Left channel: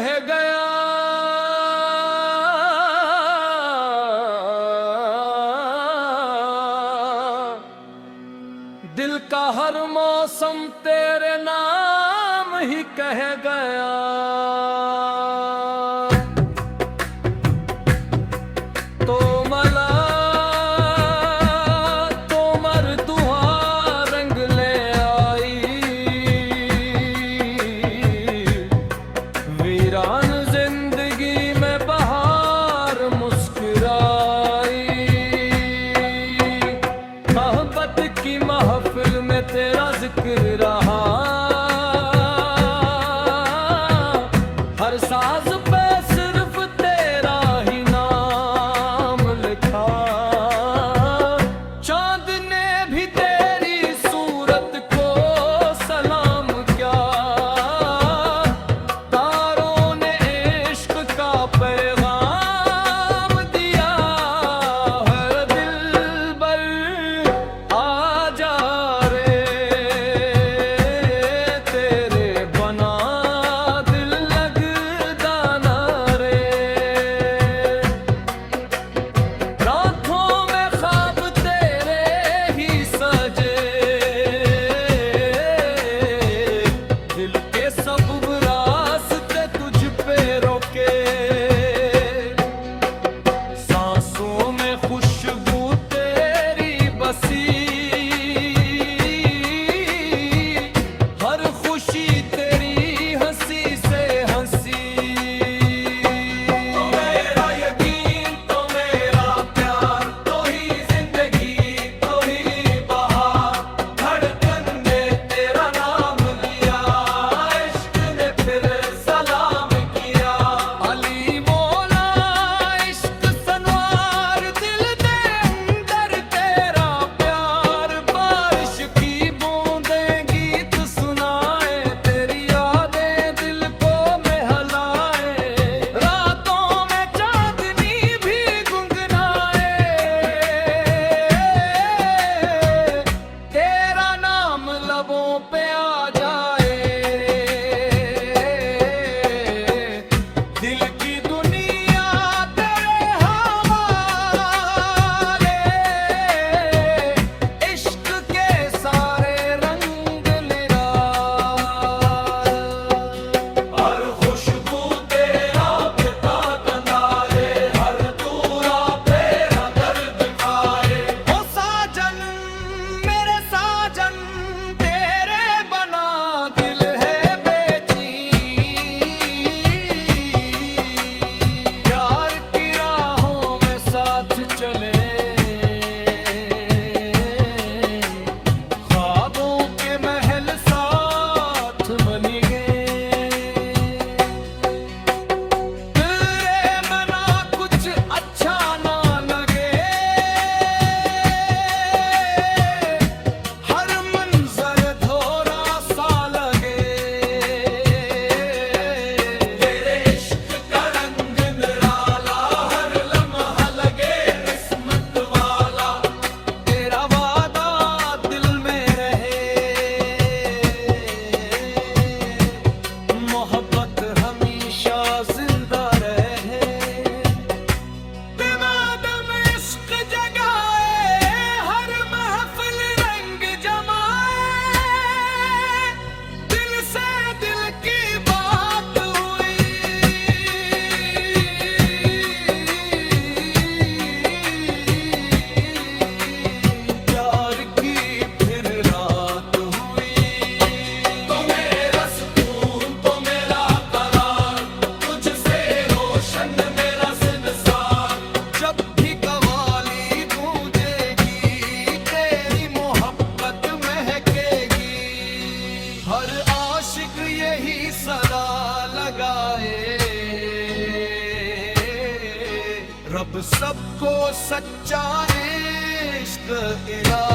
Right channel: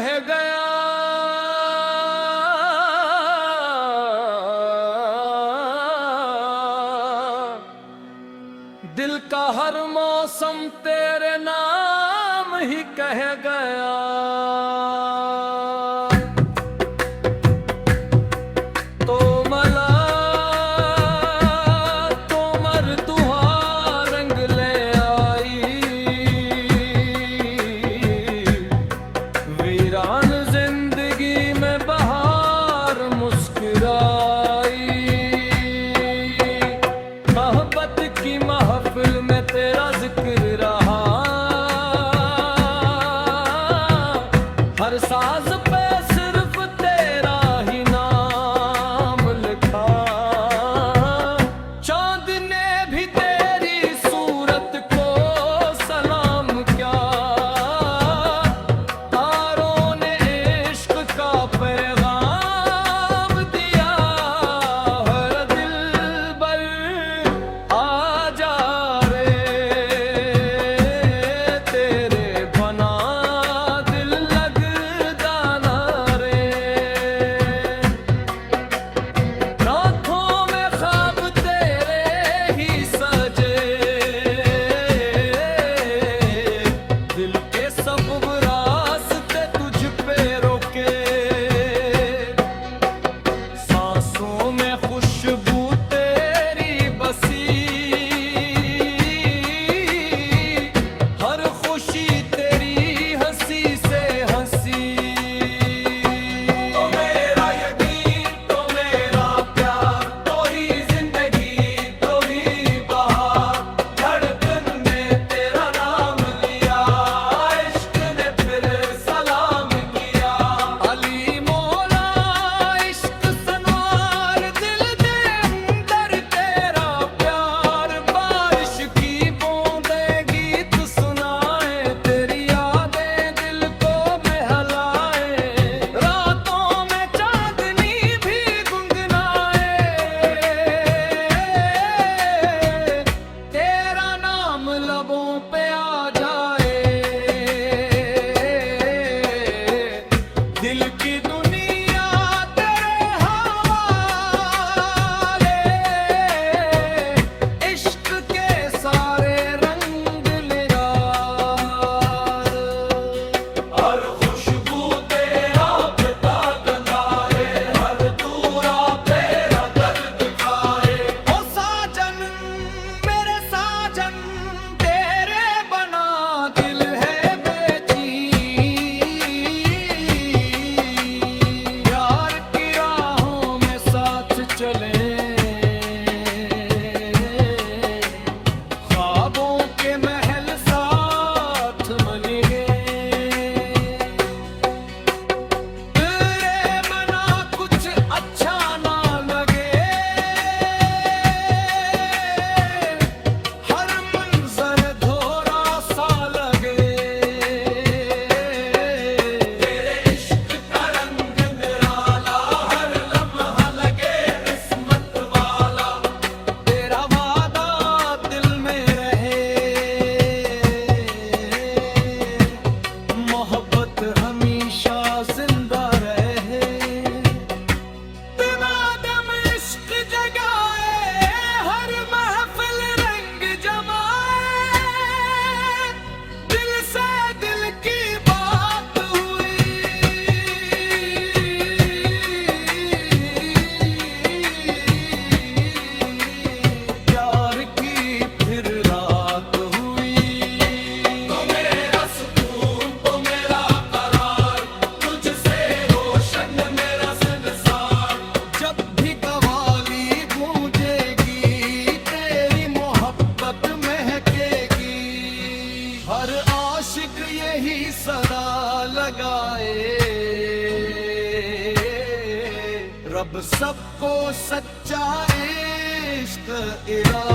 कह गया, दिल का हर मौसम तेरे नाम ही कह गया। तो मला तो मरतुहा रंग ले आई, वीरान जिंदगी में बहार मुस्कुराई। मोहब्बत की महफिल में तेरा जिक्र रहा, हर साज पे सिर्फ तेरा ही नाम लिखा। चांद ने भी तेरी सूरत को सलाम क्या, तारों ने इश्क का पैगाम दिया। हर दिल बर आ जा रे, तेरे बना दिल लगदा ना रे। रातों में ख्वाब तेरे ही सजे, दिल के सब रास्ते तुझ पे रोके। सांसों में खुशबू तेरी बसी, हर खुशी तेरी हंसी से हंसी। तो मेरा यकीन, तो मेरा प्यार, तो ही जिंदगी, तो ही बहार। धड़कन ने तेरा नाम लिया, इश्क ने फिर सलाम किया। अली मौला इश्क सनवार, दिल दे अंदर तेरा प्यार। बारिश की बूंदें गीत सुनाए, तेरी यादें दिल को महलाए। रातों में चांदनी भी गुनगुनाए, तेरा नाम लबों पे आ जाए। दिल की दुनिया तेरे हवाले, इश्क के सारे रंग निरार। हर खुशबू तेरा पिता गंधारे, हर तूरा तेरा दर्द खाए। ओ साजन मेरे साजन, तेरे बना दिल है बेचैन। प्यार की राहों में साथ चले, ख्वाबों के महल साथ बन गए। तेरे मना कुछ अच्छा ना लगे, हर मंजर धोरा सा लगे। तेरे इश्क का रंग निराला, हर लम्हा लगे किस्मत वाला। तेरा वादा दिल में रहे, मोहब्बत हमेशा जिंदा रहे। दिमादम इश्क जगाए, हर महफिल रंग जमाए। दिल से दिल की बात हुई, प्यार की फिर रात हुई। तो मेरा सुकून, तो मेरा करार, तुझसे रोशन मेरा संसार। जब भी कवाली गूंजेगी, तेरी मोहब्बत महकेगी। हर आशिक यही सदा लगाए, रब सबको सच्चा इश्क इला।